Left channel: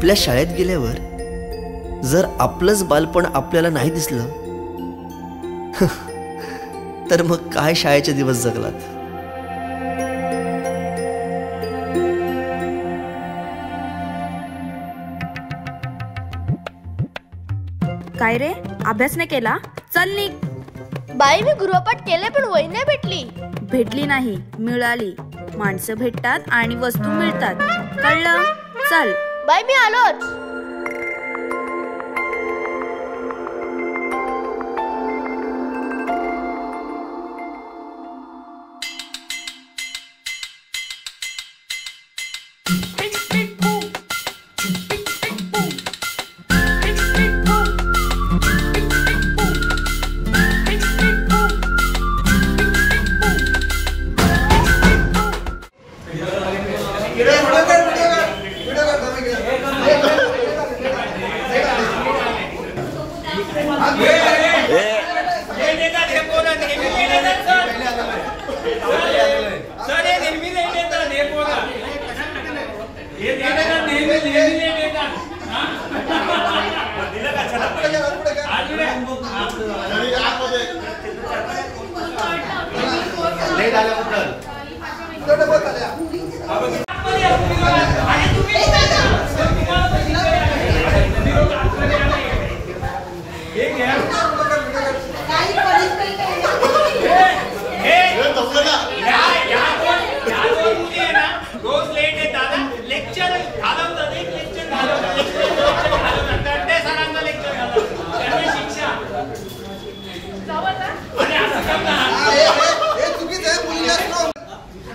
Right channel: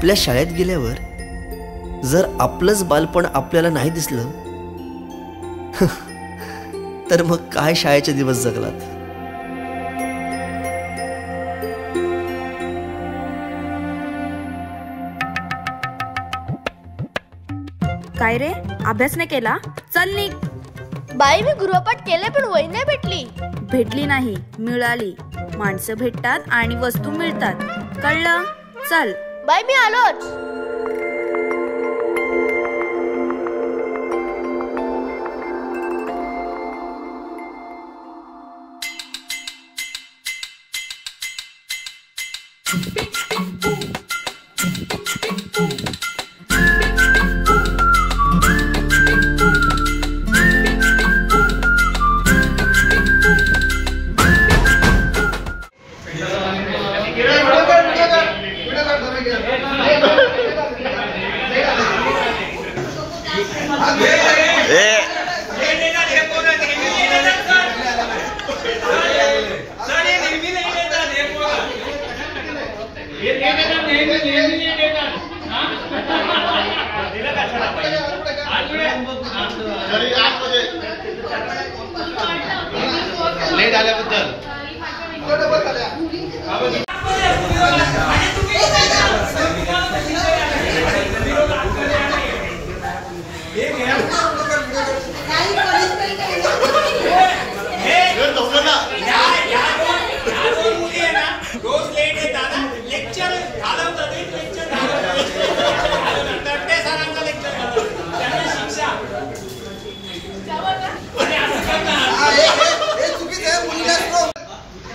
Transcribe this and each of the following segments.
आपल्या शाळेत गेल्यावर जर आपलंच बालपण आपल्याला नाही दिसलं तर मग काय शाळेचे दिवस जगलात. काय रे, अभ्यास नाही केला? चल निघ. बाई मी गृहपाठ केले पण वही नाही भेटली. भेटली नाही, मिळाली. माणसं भेटतात आणि वस्तू मिळतात, कळलं? चल बाई मी आलोच.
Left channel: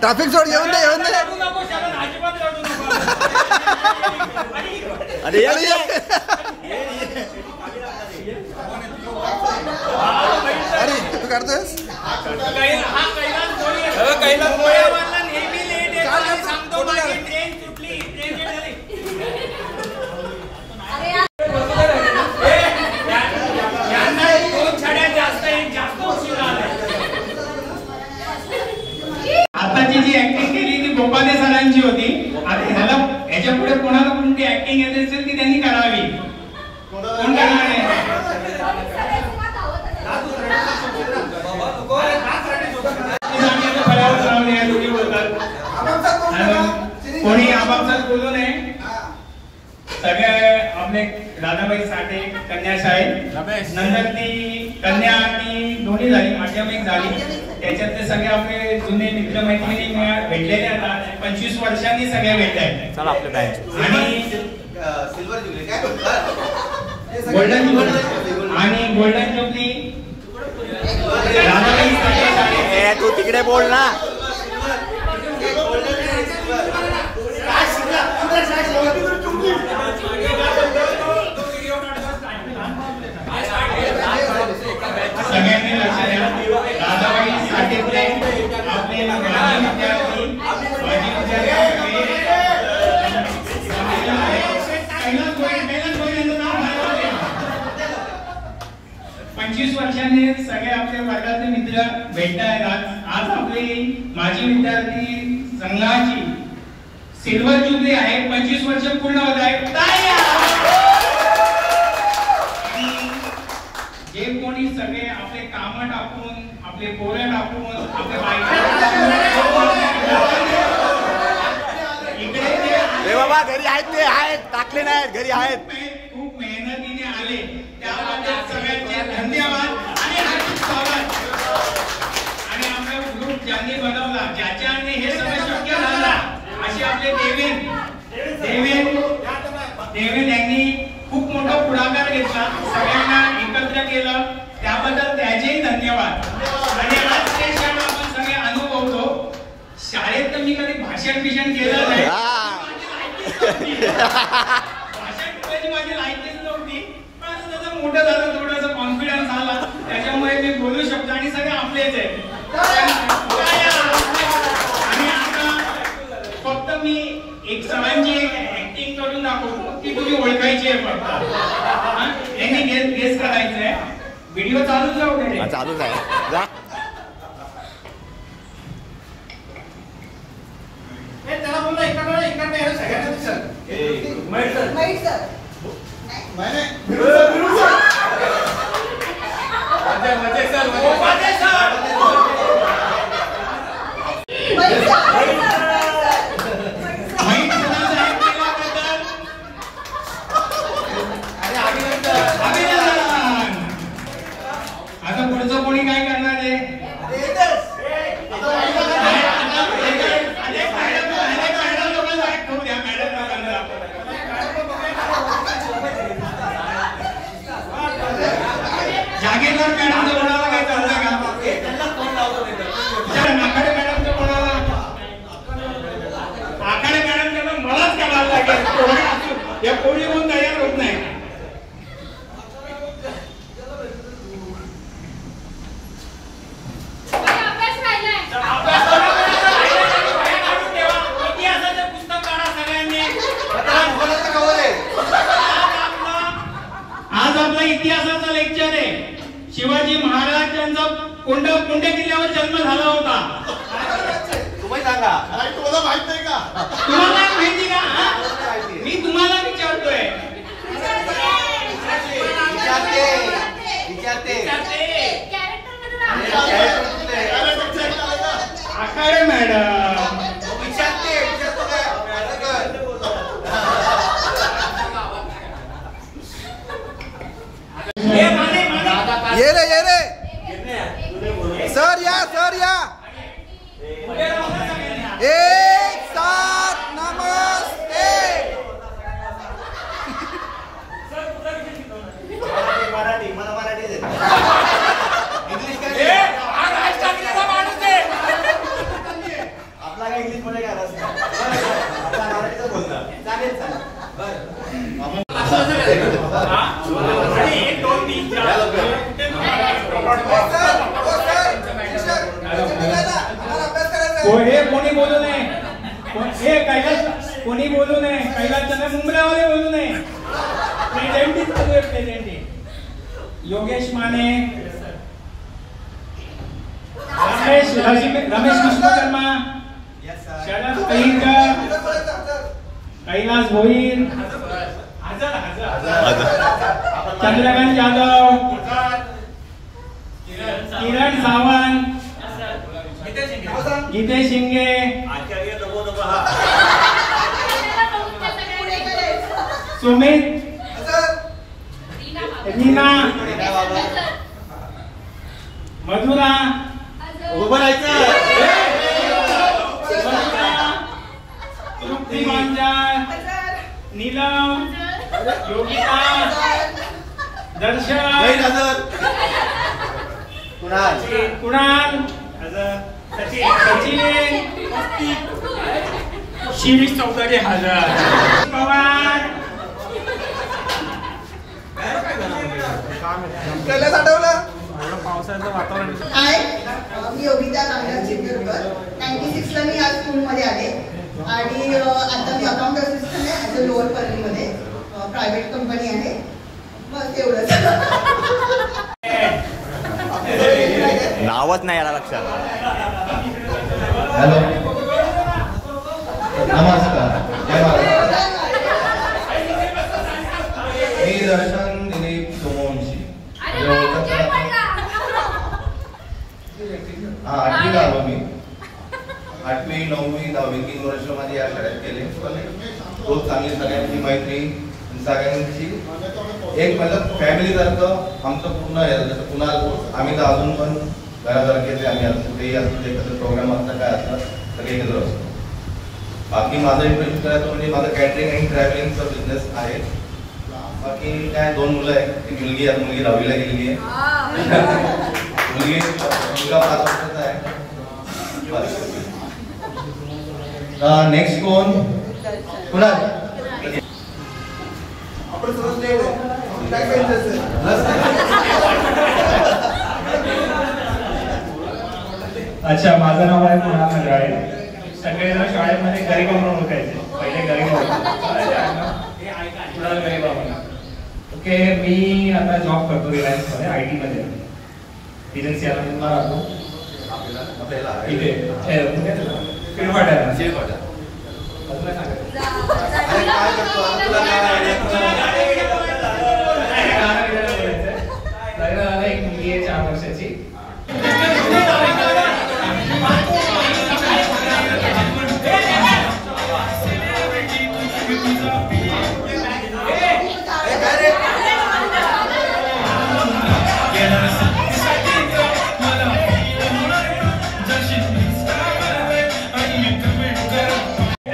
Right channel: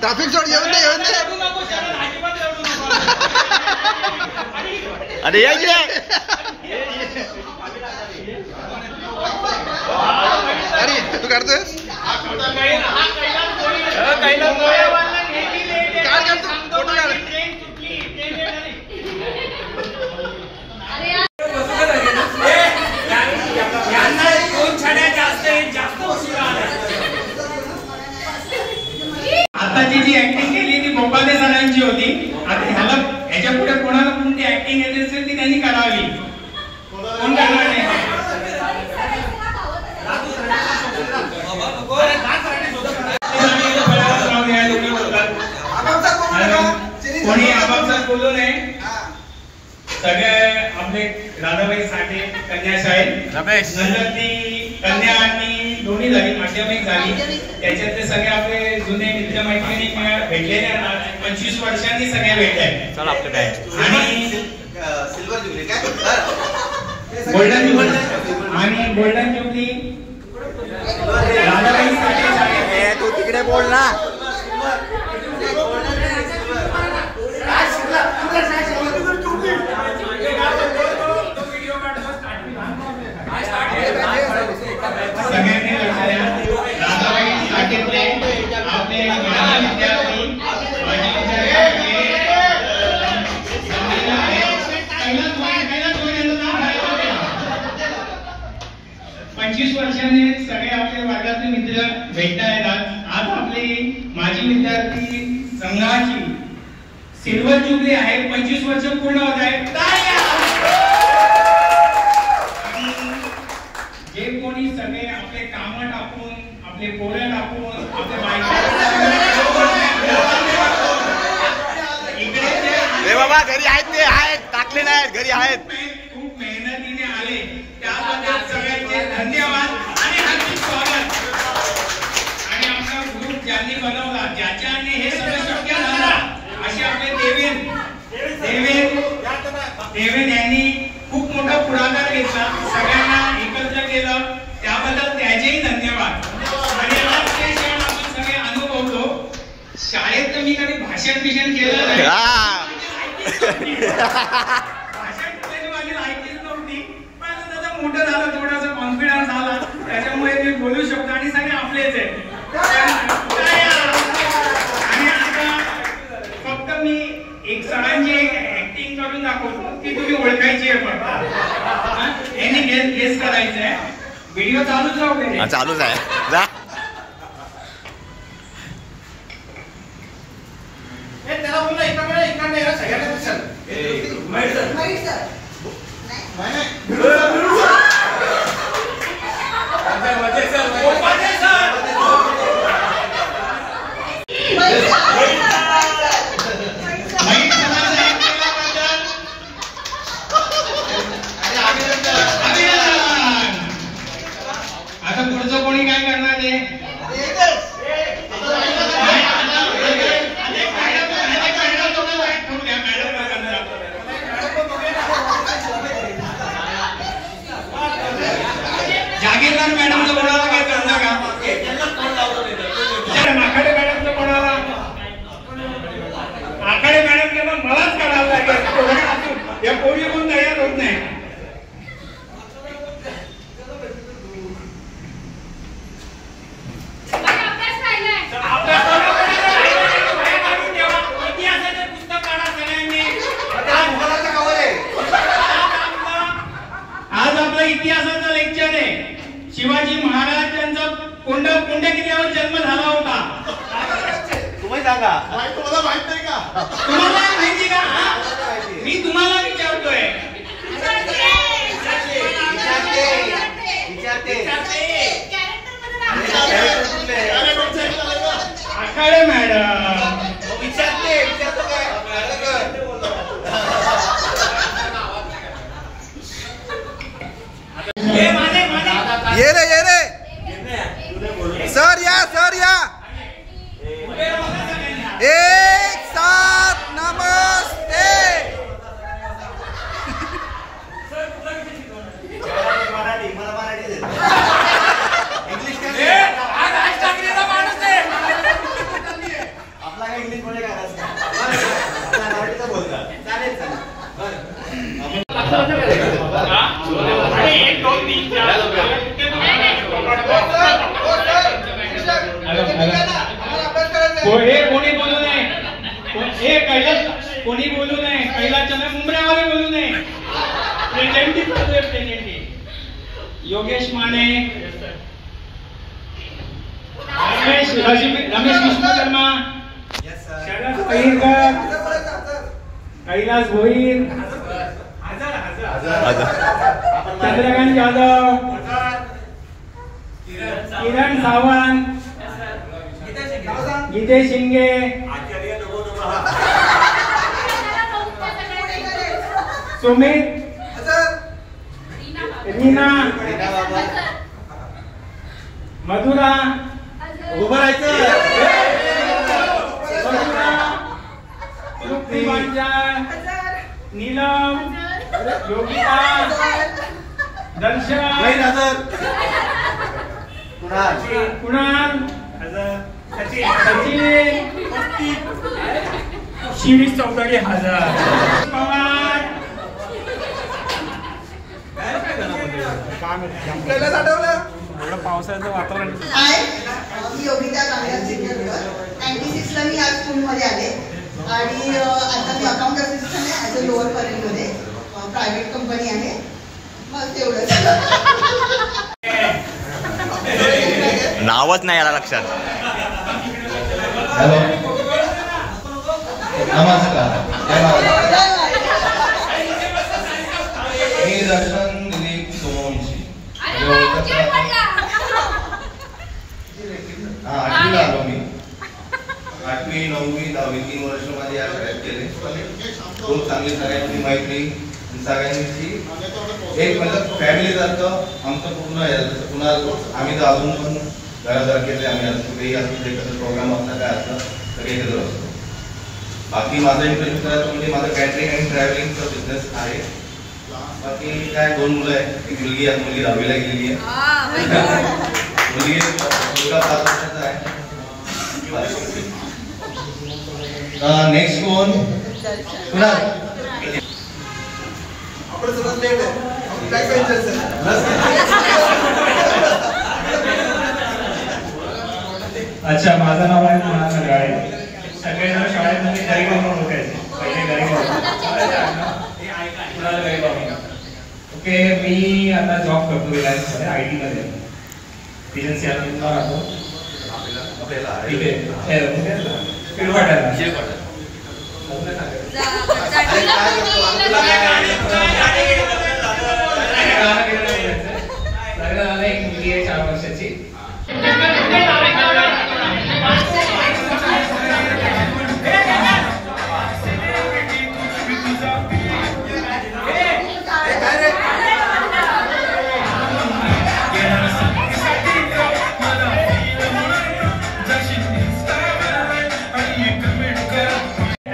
ट्रॅफिक जोड येऊन दे. अरे या अरे तू काढतोयस आताची जी ऍक्टिंग केली ती बोपादे सरांची होती. आता ह्याच्या पुढे कोणाला कोणती ऍक्टिंग येत असेल ती त्यांनी करावी. कोण करणार नाही. कोणी आपापसात बोलू नये. सगळे आपले राधाबाई साठे कन्या शाळेत नंतर ती कन्या आणि दोन्ही झाली, माध्यमिक झाली. त्याच्यातले सगळे आपले जुने मित्र मैत्रिणी भेटलेले 25 वर्षांनी सगळे भेटले. चला आपले बँच आणि गोल्डन जुबली राधाबाई साठे शाळेत. तू तिकडे बोल ना. सगळ्यांनी लक्ष द्या. राधाबाई साठेतले आपले माजी विद्यार्थी 25 वर्षांनी सगळे आपले वर्गातले मित्र भेटता येतात. आज आपली माजी विद्यार्थी संघाची सिल्वर जुबली आहे. 25 वर्ष पूर्ण होत आहे. जे कोणी सगळे आपले काम टाकून, आपले पोरं टाकून, आपले रे बाबा घरी आहेत, ते आहेत, टाकले नाहीत, घरी आहेत. खूप मेहनतीने आले त्याबद्दल सगळ्यांचे धन्यवाद आणि हार्दिक स्वागत. आणि आपला ग्रुप ज्यांनी बनवला, ज्याच्याने हे सगळं शक्य झालं असे आपले देवेन यांनी खूप मोठा पुढाकार घेतला, सगळ्यांना एकत्र केलं, त्याबद्दल त्याचेही धन्यवाद. आणि आज ते क्षण आपण सगळे अनुभवतो. शाळेत तर मी कधी भाषण केलं नाही. भाषण माझी ऐकलीच नव्हती, पण आता त्याचा मोठं झालं, थोडासा कॉन्फिडन्स आला, त्याच्यामुळे मी बोलू शकतो आणि सगळे आपलेच आहेत. आणि आता फक्त मी एक सरांची ऍक्टिंग करून दाखवतो की तुम्ही ओळखायची आहे. फक्त यांनी गेस करायचं आहे. व्हिडिओ चालूच राहू दे. चालूच आहे. जा त्याला बोलला एका सगळ्यांना आता पुढचं कोणी काय करणार आहे? जागीरदार मॅडमचं कोणाला काय चाललं का? आखाडे मॅडमचं कोणाला? आखाडे मॅडम त्यांना मलाच करायला लागेल. या कोणी पण तयार होत नाही. आज आपला इतिहासाचा लेक्चर आहे. शिवाजी महाराज यांचा कोंड्या किल्ल्यावर जन्म झाला होता. तुम्ही सांगा. तुम्हाला माहित नाही का? तुम्हाला माहिती का? मी तुम्हाला विचारतोय. आखाडे मॅडम ये रे सर या एक साथ नमस्ते. आपला काय इंग्लिश मध्ये काय मराठीचं बोलतात. चालेल कोणी बोलू नये. कैलास कोणी बोलू नये. कैलासच्या मुंबऱ्यावाले बोलू नये. प्रेझेंटी योगेश माने, रमेश विश्वकर्मा, शरद पहिरकर, कैलास भोईर, चंद्रकांत यादव, किरण सावंत, गीते शिंगे, सुमित, रीना, मधुरा, उभं राहायचं. नीलम, योगिता, दर्शन, कुणाल, सचिन, शिरीष चौधरी हजर, पवार, पावसाचं वातावरण. मी योगिता कामराज चिंचरकर. 96ला मी आज स्कूलमध्ये आले आणि आता मी अकाउंट असिस्टंट आहे ॲज अ लोअर परळीमध्ये. प्रायव्हेट कंपनी आहे. मग तेवढंच. नावच नाही आला लक्षात. हॅलो नमस्कार. मी दर्शन दिलीप सोमवंशी. आठवीला आलो मी. 8वी 9वी 10वी 3 वर्ष माझे या शाळेत केले. खूप चांगली सगळ्यांची मैत्री सगळ्यांची एक मतलब फॅमिली सारखं आमचं पूर्ण आहे. जसं पुन्हा आम्ही तर अजून पण घरासारखे आम्ही आज कुठेही असतो एकत्र प्रोग्राम असला काय असला सगळे एकत्र असतो. बाकी माझं इंटरेस्ट करायचं म्हणजे माझं कॅटरिंग आणि ट्रॅव्हलिंगचा बिझनेस आहे. बाकी काय 2 मुलं आहेत. एक मुलगी आहे. मुलगी 10वीला गेलेली आहे. मुलगा 5 वर्षाचा आहे. नेक्स्ट कोण पुन्हा अच्छा, माझं नाव आहे कुणाल नगराळे. सगळेजण शाळेमध्ये गरीब म्हणून ओळखायचे. पहिले गरीब ओके. मी आता जॉब करतो रिलायन्समध्ये IT मध्ये. एजन्सी राहतो मुलगी आहे 4 वर्षाची.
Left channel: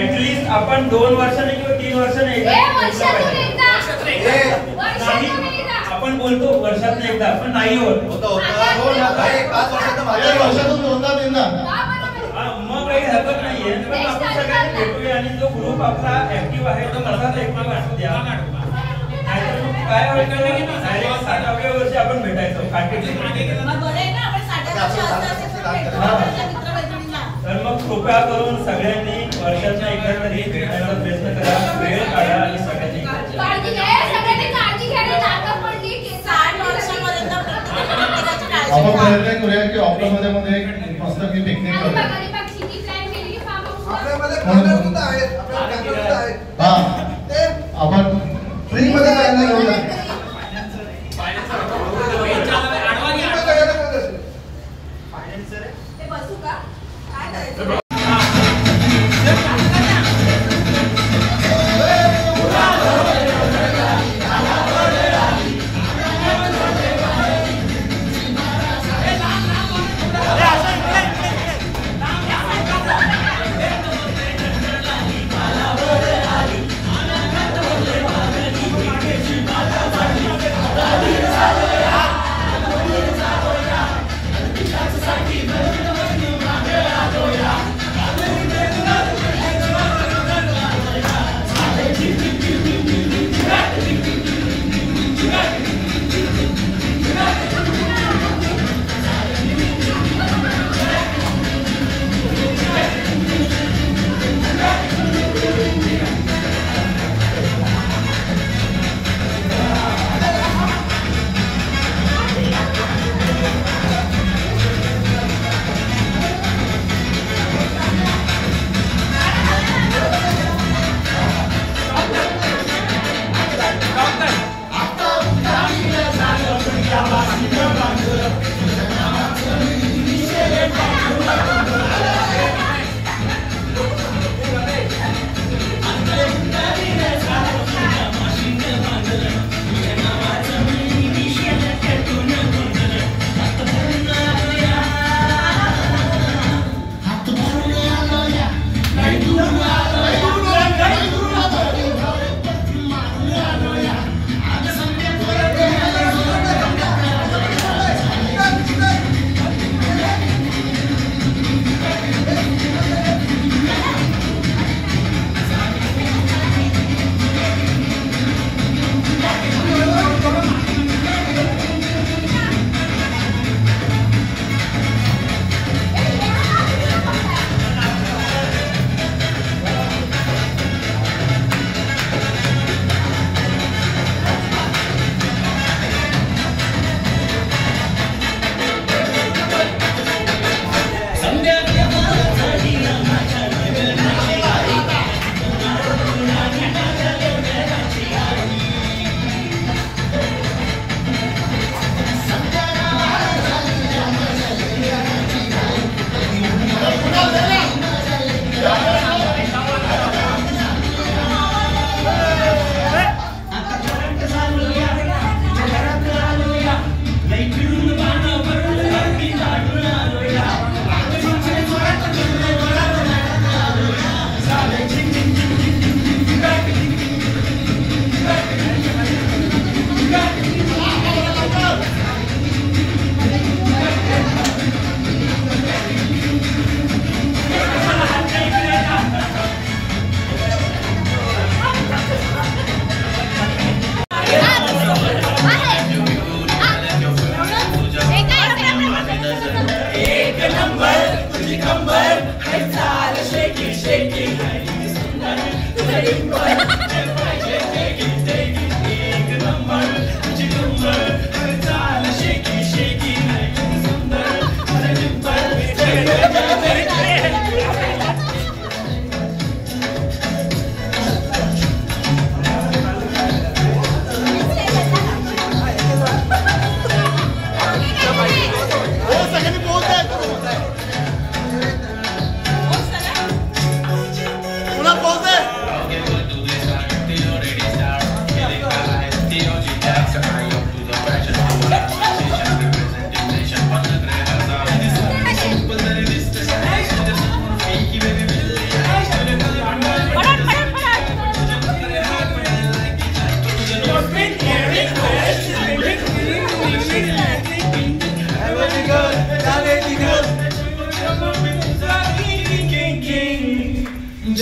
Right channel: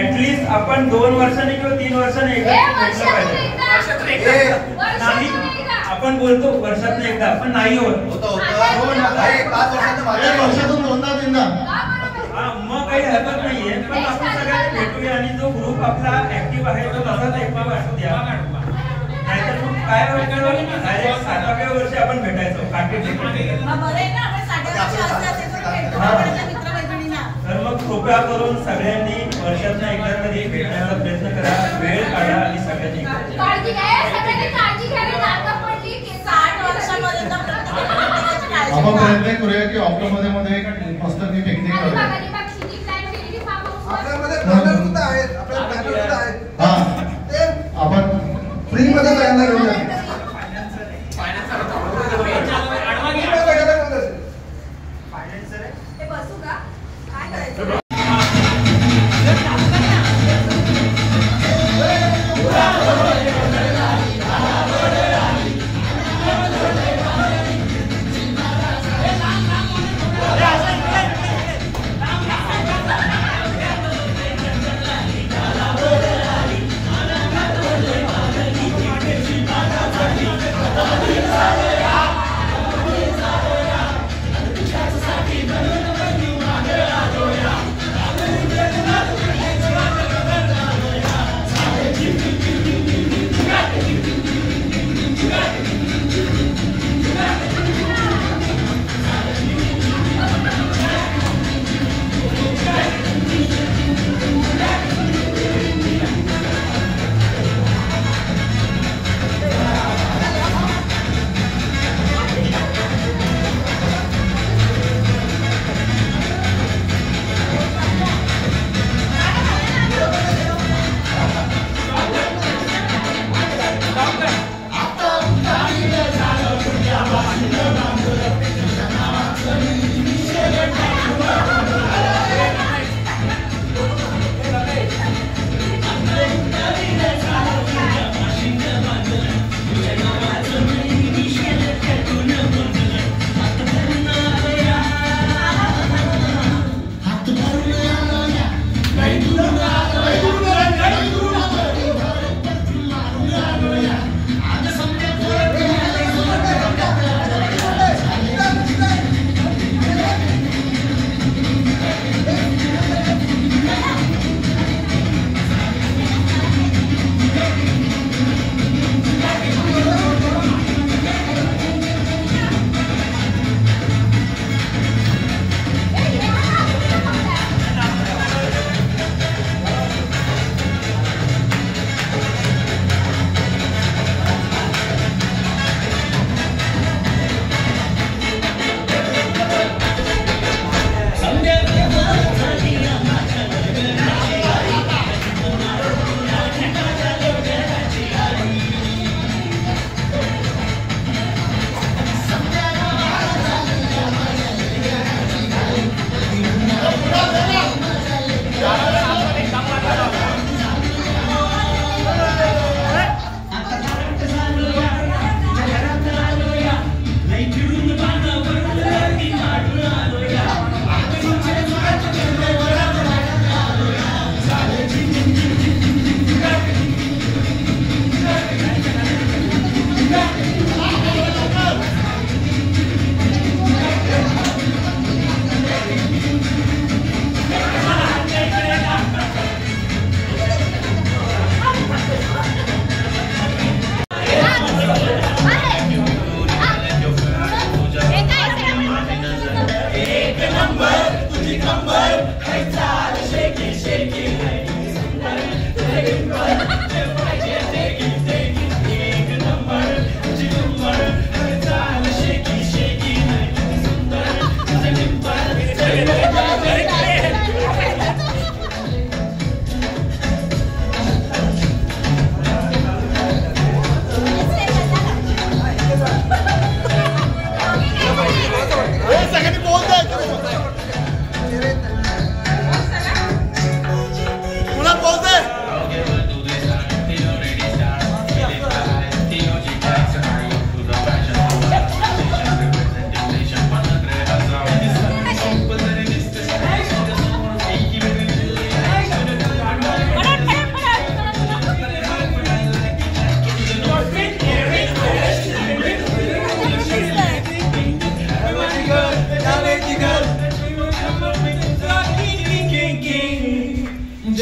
ऍटलीस्ट आपण 2 वर्षांनी किंवा 3 वर्षांनी एकदा नाही. आपण बोलतो वर्षातून एकदा पण नाही होत. मग काही हरकत नाहीये, पण आपण सगळ्यांनी भेटूया आणि जो ग्रुप आपला ऍक्टिव्ह आहे तो तसाच ऍक्टिव्ह असू द्या. नाहीतर मग काय होतं, 60व्या वर्षी आपण भेटायचो. तर मग कृपया करून सगळ्यांनी वर्षातून एकदा तरी भेटण्याचा प्रयत्न करा, वेळ काढा आणि सगळ्यांनी आपण प्रयत्न करूया की ऑक्टोबर मध्ये मस्त मी पिकनिक करूया. हा आपण फ्री मध्ये प्लॅन करूया.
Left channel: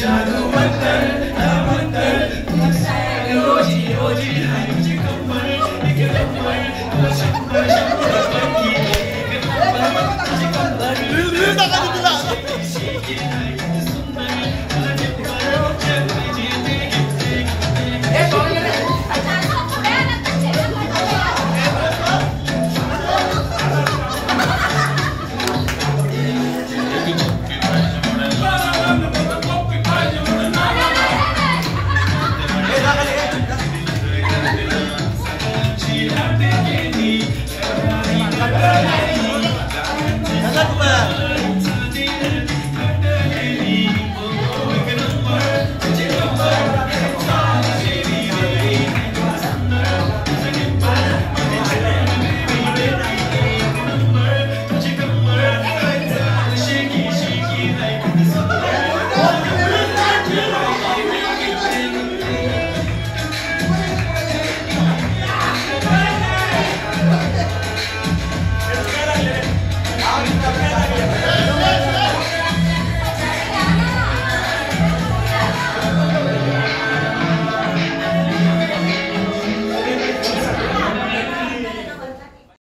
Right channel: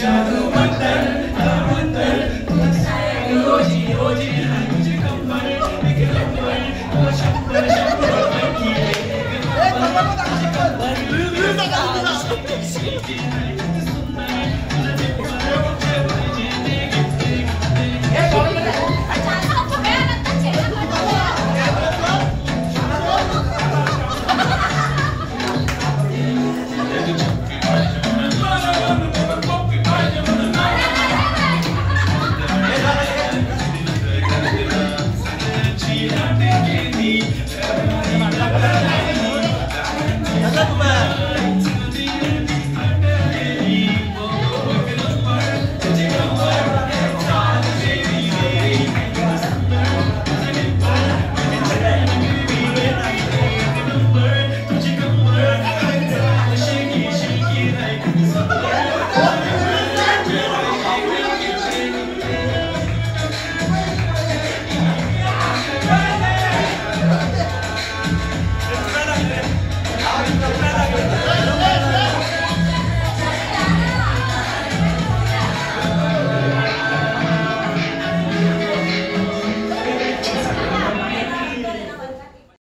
जादू मंतर